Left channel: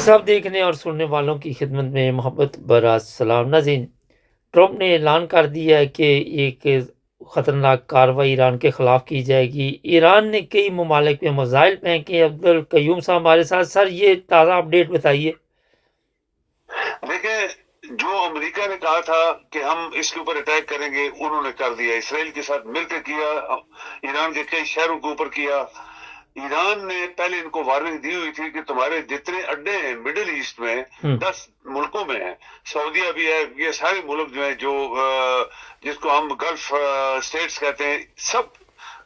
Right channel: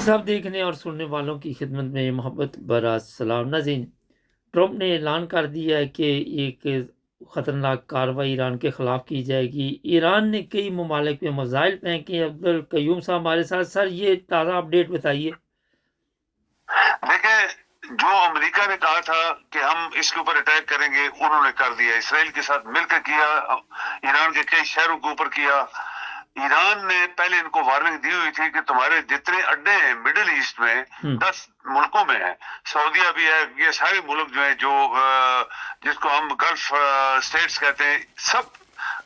सब देखने और सुनने वालों की खिदमत में मोहब्बत भरा सलाम। नाज़रीन, ट्रंप ने ऐलान कर दिया है कि एक ख़तरनाक कार्रवाई ईरान के ख़िलाफ़ की जाएगी। ईरान ने कई ममालिक पे मिसाइल फेंके। अब्दुल कयूम साहब हमारे साथ। सर, ये ताज़ा अपडेट बताइए। देखिए, जो अमेरिका ने कहा था कि हम इसके ऊपर अटैक करेंगे, उन्होंने कर दिया। इसराइल के साथ मिलकर किया, ईरान के कई शहरों के ऊपर किया। ईरान ने पहले इनको वार्निंग दी हुई थी कि तुम्हारे जितने अड्डे हैं मिडिल ईस्ट में, 10 मुल्कों में है, सऊदीया भी है, ये सारे मुल्क जो है, जो जिसको हम गल्फ स्टेट्स कहते हैं, सब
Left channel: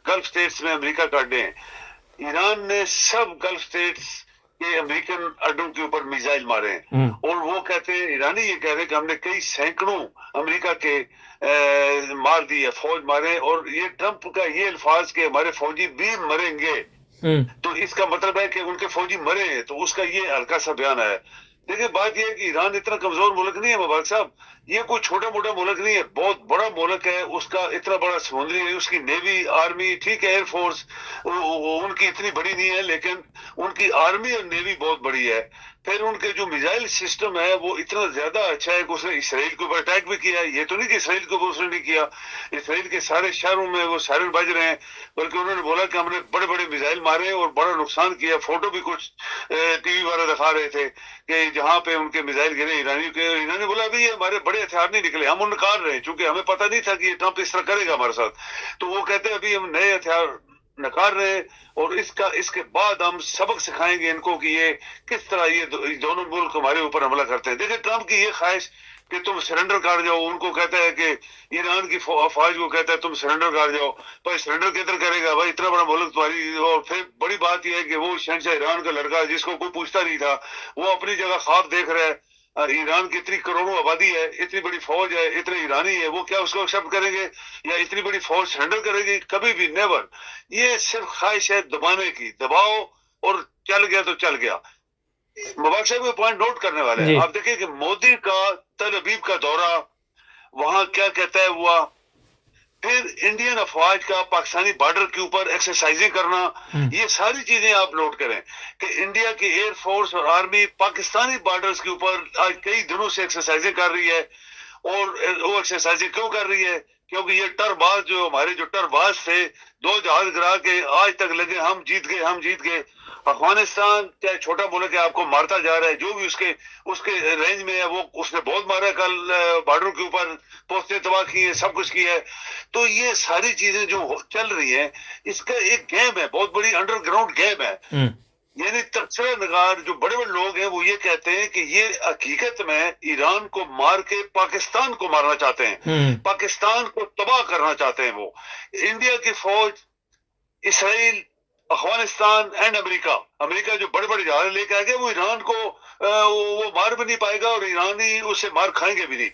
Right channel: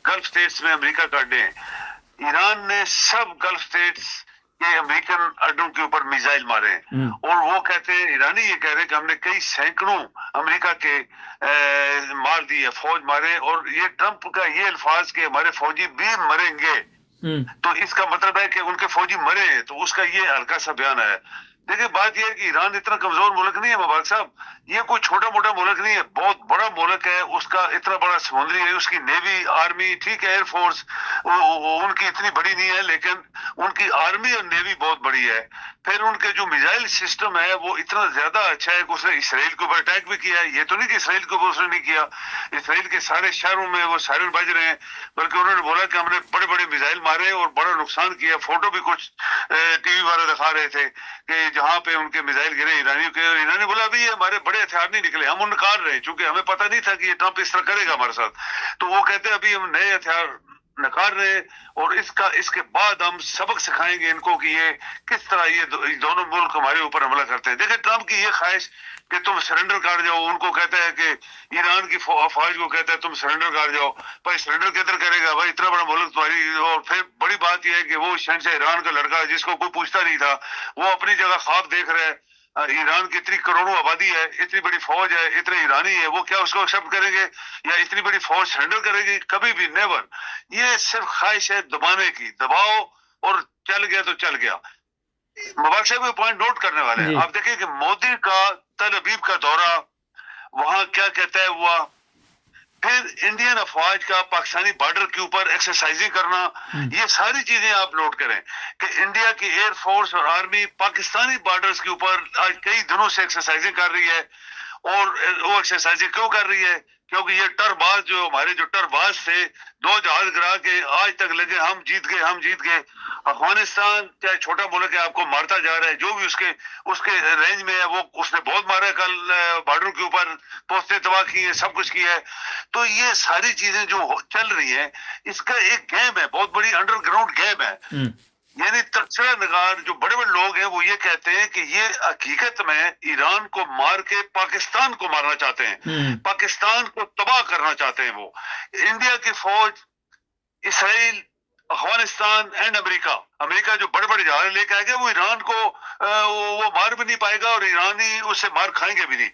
गल्फ स्टेट्स में अमेरिका का अड्डे हैं। ईरान ने सब गल्फ स्टेट्स के अमेरिकन अड्डों के ऊपर मिसाइल मारे हैं। और वो कहते हैं, ईरानी ये कह रहे हैं कि हमने कई सैकड़ों अमेरिका के मार दिए, फौज मारे। और ये ट्रंप का ये अल्फाज कि हमारे फौजी भी मरेंगे, तो इसका मतलब है कि उनके फौजी मरे हैं, तो उसका ये हल्का सा बयान है। देखिए, बात यह है कि ईरान इतना कमजोर मुल्क नहीं है मुबारक साहब, ये कोई छोटा मोटा मुल्क नहीं है, बहुत बड़ा मुल्क है। उसका इतना बड़ा समुद्री है, उसकी नेवी, आर्मी, ठीक है, एयरफोर्स उनकी इतनी बड़ी नहीं है, लेकिन उनकी आर्मी और नेवी बहुत बड़ी है। फिर उनके जो मिसाइल सिस्टम है वो इतना ज्यादा अच्छा है कि उसने इसराइल के ऊपर अटैक भी किया है। ये तो नहीं कि इसराइल के ऊपर उसने नहीं किया, इसराइल के सारे शहरों में वो सायरन बज रहे हैं, बल्कि उन्होंने बोला कि हमने बड़े बड़े मिसाइल मारे और बड़ा नुकसान किया। फोटो भी कुछ टीवी वाले दिखा रहे थे कि जहां पे उनके मिसाइल गिरे ईरानियों के, ईरानी बोला अभी ये हमारे बड़े हथियार नहीं निकले, हम उनकार रहे हैं, क्योंकि हमें पता नहीं था कि ये ट्रंप इस तरह करेगा हमारे साथ। तो वो कहते हैं अभी हम नए हथियार नकार रहे हैं, और इसके बाद हम सबक सिखाएंगे इनको कि ये किस तरह ये दोनों मुल्क हमारे ऊपर हमला करते हैं। देखिए, ट्रंप की ये ख्वाहिश कि तुम सरेंडर कर जाओ, उनको कहता है कि ईरान की फौज को कहता है तुम सरेंडर कर जाओ। भाई सरेंडर किधर करेगा भाई, इतना बड़ा मुल्क तुम्हारी। और फिर बड़ी बात यह है कि वो शहंशाह ईरान का लड़का जिसको कोई पूछता नहीं था, वो अपनी जगह ख्वाब देख रहा है। ईरान की इतनी करोड़ों आबादी है, इतनी बड़ी फौज है, इतने ईरानी है, वो क्या उसको एक्सेप्ट करेंगे या इतनी बड़ी फौज सरेंडर करेगी? कभी भी नेवर। ये सिर्फ ख्वाहिश है दबाने की, दबाओ और चल गया तो चल गया। मुबारक साहब पॉइंट नोट करने वाले हैं, जी। आप देखिए कि मोदी का तल अबीब का दौरा, वहां क्या कहता है हुआ। फिर इंडियन अफवाज का पाकिस्तानी बॉर्डर के ऊपर एक्सरसाइजिंग करना, ये सारी चीजें आप नोट करें कि इंडिया की एयरफोर्स और आर्मी पाकिस्तानी बॉर्डर्स के ऊपर आज कई दिनों से एक्सरसाइजिंग कर रही है। और वो एक्सरसाइजिंग क्यों कर रही है? क्योंकि ये टरबाज, जो हमारे जो टरबाज थे, 2 जहाज गिरा के आज तक लगे हम जीत गए, हम जीत गए। अफगानिस्तान चाहे छोटा मुल्क है, आपको मारता जा रहा है, जो भी उसके उसके रेंज में है वो उसने बहुत मारा है। कल बॉर्डर के ऊपर पोस्टें तबाह की है, सब कुछ किया है। तो ये सारी चीजें जो चल रही हैं, इसका एक गेम है, बहुत बड़ी अंडरग्राउंड गेम है। यानी तबसरा नगार जो बड़े बड़े लोग हैं वो ये कहते हैं कि ये हकीकत में ईरान को मार के पाकिस्तान को मारना चाहते हैं, पाकिस्तान को तबाह करना चाहते हैं। वो इंडिया की फौज, Israel, Afghanistan and America, America जो बड़े बड़े जहाज लेके आएगा, वो ईरान को वो मार भी नहीं पाएगा और ईरानी उससे मार खाएंगे भी नहीं।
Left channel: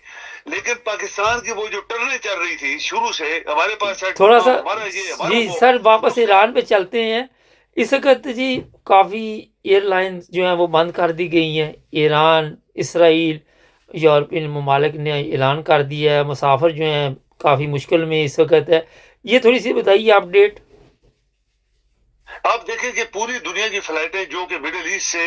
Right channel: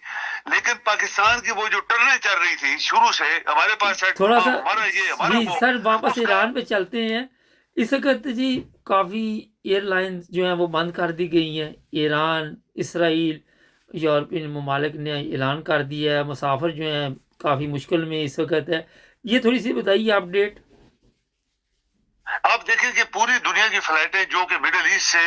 लेकिन पाकिस्तान की वो जो टर्नें चल रही थी शुरू से, हमारे पास थोड़ा सा हमारा ये हमारा जी वो, सर, वापस उसका ईरान पे चलते हैं। इस वक्त जी काफ़ी एयरलाइंस जो हैं वो बंद कर दी गई हैं। ईरान, इसराइल, यूरोपियन ममालिक ने ऐलान कर दिया है। मुसाफिर जो हैं काफ़ी मुश्किल में इस वक्त है। ये थोड़ी सी बताइए अपडेट। आप देखें कि पूरी दुनिया की फ्लाइटें जो कि मिडिल ईस्ट से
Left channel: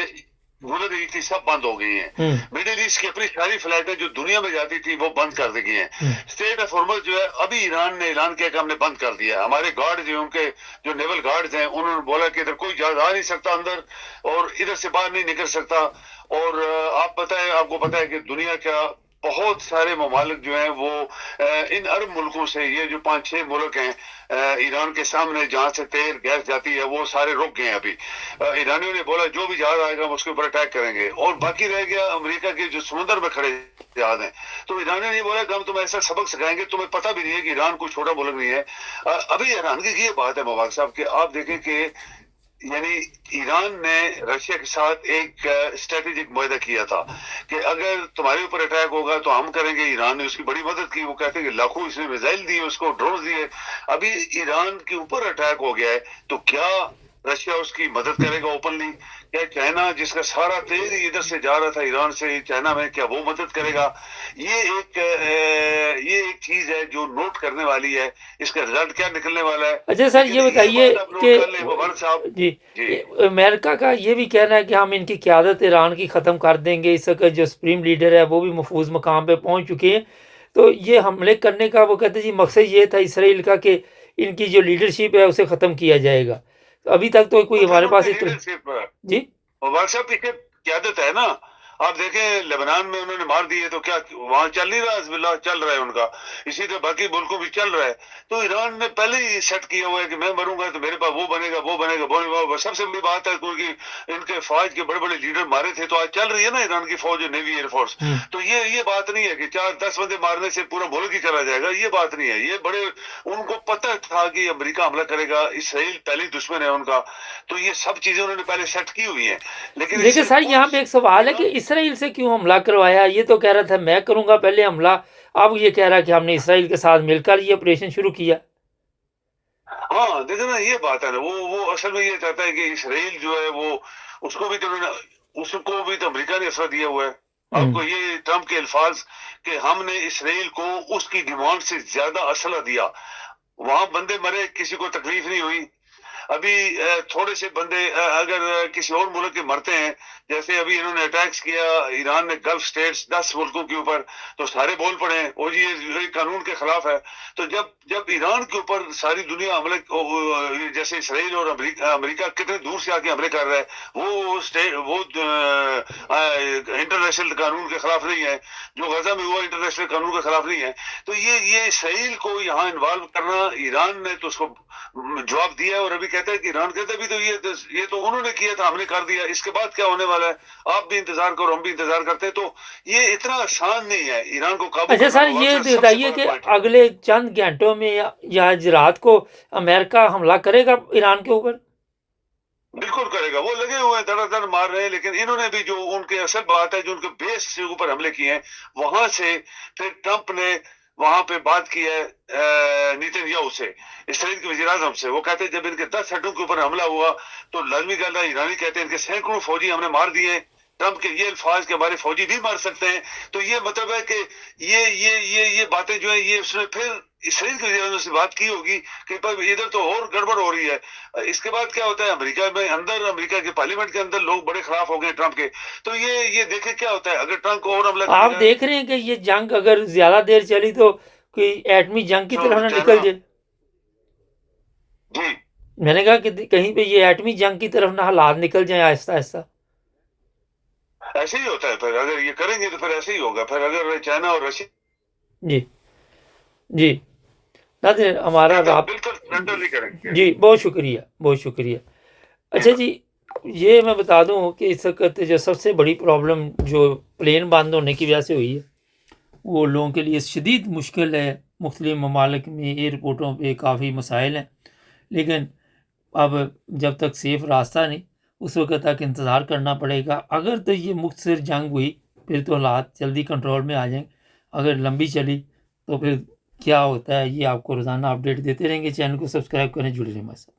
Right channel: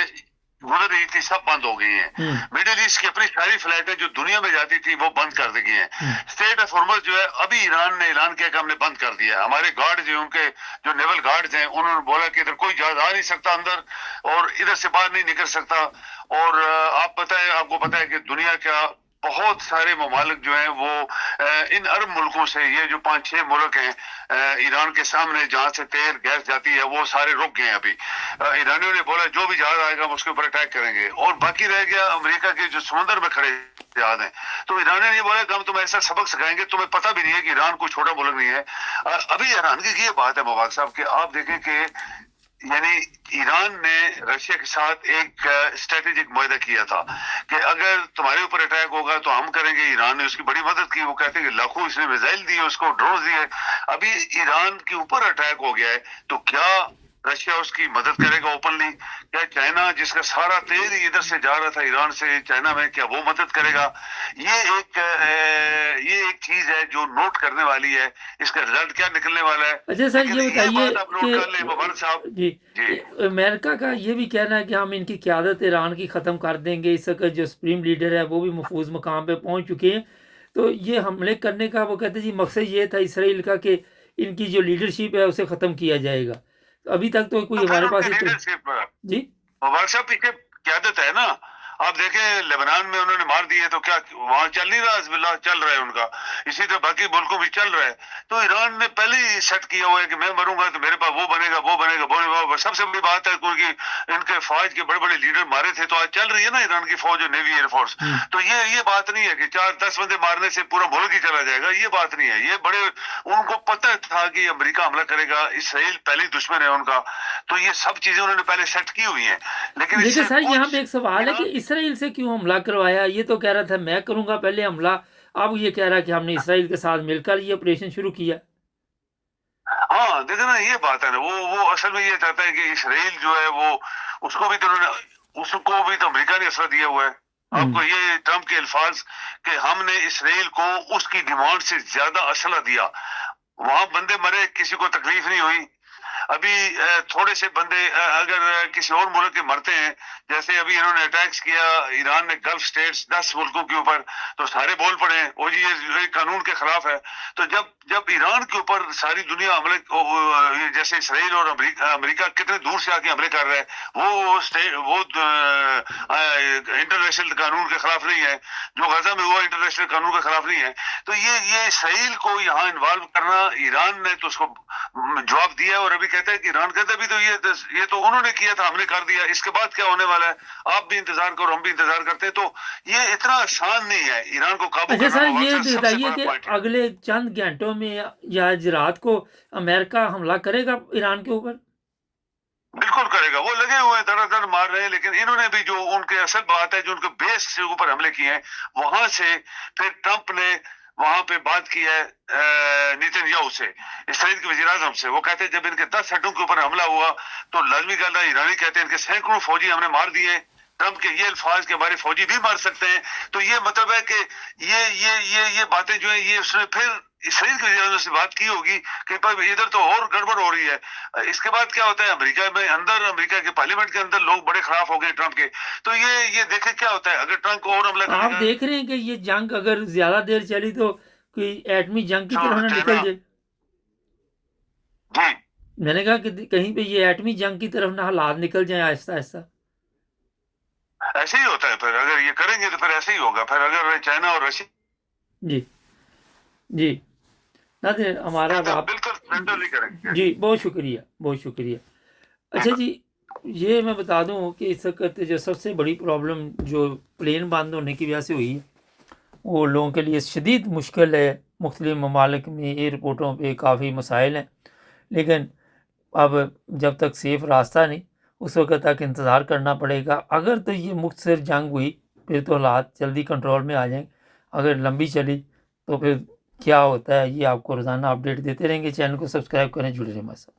गुजर रही थी, सब बंद हो गई हैं। मिडिल ईस्ट की अपनी सारी फ्लाइटें जो दुनिया में जाती थी वो बंद कर दी गई हैं। स्टेट ऑफ हॉर्मज जो है, अभी ईरान ने ऐलान किया कि हमने बंद कर दिया। हमारे गार्ड जो उनके जो नेवल गार्ड्स हैं, उन्होंने बोला कि इधर कोई जहाज आ नहीं सकता अंदर, और इधर से बाहर नहीं निकल सकता। और आपको पता है कि दुनिया का बहुत सारे ममालिक जो हैं वो इन अरब मुल्कों से, ये जो 5-6 मुल्क हैं ईरान के सामने जहां से तेल गैस जाती है, वो सारे रुक गए हैं अभी। ईरानियों ने बोला जो भी जहाज आएगा हम उसके ऊपर अटैक करेंगे। और बाकी रह गया अमेरिका के जो समुद्र में खड़े जहाज हैं, तो ईरानियों ने बोला कि हम तुम्हें ऐसा सबक सिखाएंगे, तुम्हें पता भी नहीं है कि ईरान कोई छोटा मुल्क नहीं है। अभी हैरानगी की बात है मुबारक साहब कि आप देखें कि यानी ईरान ने रशिया के साथ एक स्ट्रेटेजिक मुआहदा किया था कि अगर तुम्हारे ऊपर अटैक होगा तो हम करेंगे। ईरान ने उसकी बड़ी मदद की, वो कहते हैं कि लाखों इसने मिसाइल दिए, उसको ड्रोन दिए। अभी ईरान के ऊपर अटैक हो गया है, तो क्या रशिया उसकी मदद करेगा ओपनली? क्या चाइना जिसका सारा तेल ही इधर से जा रहा था ईरान से चाइना में, क्या वो मदद करेगा? ये एक चीज है जो नोट करने वाली है, इसका रिजल्ट क्या निकलने वाला है। अच्छा सर, लेकिन ये बताइए बात आप नोट कि कर लें मुबारक साहब जी जी, अमेरिका का ये भी कहना है कि हम इनकी क़यादत ईरान की ख़त्म कर देंगे, इस वक्त जो सुप्रीम लीडर है वो भी महफूज मकाम पे पहुंच चुके हैं, तो ये हमले करने का वो कहते हैं जी मकसद ये था इसराइल का कि इनकी जो लीडरशिप है उसे ख़त्म किया जाएगा। तो अभी तक तो कोई तो फिर हमारे पास उनकी इतना लीडरशिप जी मुबारक साहब पीछे क्यादत है ना। आप देखें लेबनान में उन्होंने मार दिए तो क्या वहां चल नहीं रहा? हिजबुल्लाह चल रहा है उनका, इसी तरह बाकी मुल्कों में चल रहा है। तो ईरान ने पहले ही सेट किया हुआ है कि मैं मरूंगा तो मेरे पास वो बनेगा वो बनेगा वो बनेगा। सबसे बड़ी बात है क्योंकि इनके फौज के बड़े बड़े लीडर मारे थे, तो आज चल रही है ना ईरान की फौज और नेवी एयरफोर्स। तो ये बात नहीं है कि 4-10 बंदे मारने से पूरा मुल्क ही चला जाएगा, ये बात नहीं है। ये बड़े उनको पता था कि अमेरिका हमला करेगा, इसराइल पहले ही दुश्मन है उनका, तो ये सब चीजें उन्होंने पहले सेट की हुई हैं। लेकिन देखिए इससे सर, यहाँ पे एक सवाल है कि इसराइल से क्यों हमला करवाया? ये तो कह रहा था मैं करूंगा पहले हमला, अब ये कह रहा है कि हमने इसराइल के साथ मिलकर ये ऑपरेशन शुरू किया। हाँ देखो ना, ये बात है ना, वो असल में ये चाहता है कि इसराइल जो है वो उसको भी तो अमेरिका ने असला दिया हुआ है। आपको ये ट्रम्प के अल्फाज कि हमने इसराइल को उसकी डिमांड से ज्यादा असला दिया, वहां बंदे मरे, किसी को तकलीफ नहीं हुई। अभी थोड़े से बंदे अगर किसी और मुल्क के मरते हैं, जैसे अभी इन्होंने अटैक्स किया ईरान ने गल्फ स्टेट्स 10 मुल्कों के ऊपर, तो सारे बोल पड़े ओ जी ये कानून के खिलाफ है। तो जब ईरान के ऊपर सारी दुनिया हमले, जैसे इसराइल और अमेरिका कितने दूर से आके हमले कर रहा है, वो इंटरनेशनल कानून के खिलाफ नहीं है, जो गजा में हुआ इंटरनेशनल कानून के खिलाफ नहीं है। तो ये इसराइल को यहाँ इन्वॉल्व करना, ईरान ने तो उसको जवाब दिया, और अभी कहता है कि ईरान कहता है भी तो ये तो उन्होंने किया था, हमने कर दिया, इसके बाद क्या होने वाला है आप भी इंतजार करो, हम भी इंतजार करते हैं। तो ये इतना आसान नहीं है ईरान को काबू अच्छा करना। सर, ये बताइए कि अगले चंद घंटों में या आज रात को अमेरिका हमला करेगा ईरान के ऊपर? बिल्कुल करेगा, वो लगे हुए हैं, धड़ाधड़ मार रहे हैं। लेकिन इन्होंने भी जो उनके असल बात है, जो उनके बेस के ऊपर हमले किए हैं, वहां से फिर ट्रंप ने वहां पे बात की है नेतन्याहू से, इसराइल के वजीर आजम से। वो कहते हैं जब इनके 10 अड्डों के ऊपर हमला हुआ तो लाजमी गल है, ईरानी कहते हैं इनके सैकड़ों फौजी हमने मार दिए। ट्रंप के ये अल्फाज के हमारे फौजी भी मार सकते हैं। तो ये मतलब है कि ये बातें जो है, ये उसने फिर इसराइल के वजीर से बात की होगी कि पर इधर तो और गड़बड़ हो रही है। इसके बाद क्या होता है, अमेरिका में अंदर, अमेरिका के पार्लियामेंट के अंदर लोग बड़े खिलाफ हो गए ट्रंप के। तो ये देखे क्या होता है अगर ट्रंप को और हमला आप देख रहे हैं कि ये जंग अगर ज्यादा देर चली तो कोई एटमी जंग की तरफ ना निकल जाए। जी मैंने कहा कि कहीं पे ये एटमी जंग की तरफ ना हालात निकल जाए आहिस्ता आहिस्ता। ऐसे ही होता है, फिर अगर ये करेंगे तो फिर ऐसे ही होगा। फिर अगर चाइना और रशिया जी जी नाज़रीन, हमारा बिल्कुल सेंट्रली करेंगे। जी बहुत शुक्रिया, बहुत शुक्रिया। अच्छा जी, ये मैं बता दूं कि इस वक्त जो सबसे बड़ी प्रॉब्लम जो प्लेन बंद होने की वजह से हुई है, वो लोगों के लिए शदीद मुश्किल है। मुख्तलिफ ममालिक में एयरपोर्टों पे काफ़ी मसाइल हैं, लेकिन अब जब तक सेफ़ रास्ता नहीं, उस वक्त तक इंतज़ार करना पड़ेगा। अगर तो ये मुख्तसर जंग हुई फिर तो हालात जल्दी कंट्रोल में आ जाएंगे, अगर लंबी चली तो फिर क्या होता है ये आपको रोज़ाना अपडेट देते रहेंगे। चैनल को सब्सक्राइब करें, जुड़े रहें हमारे साथ।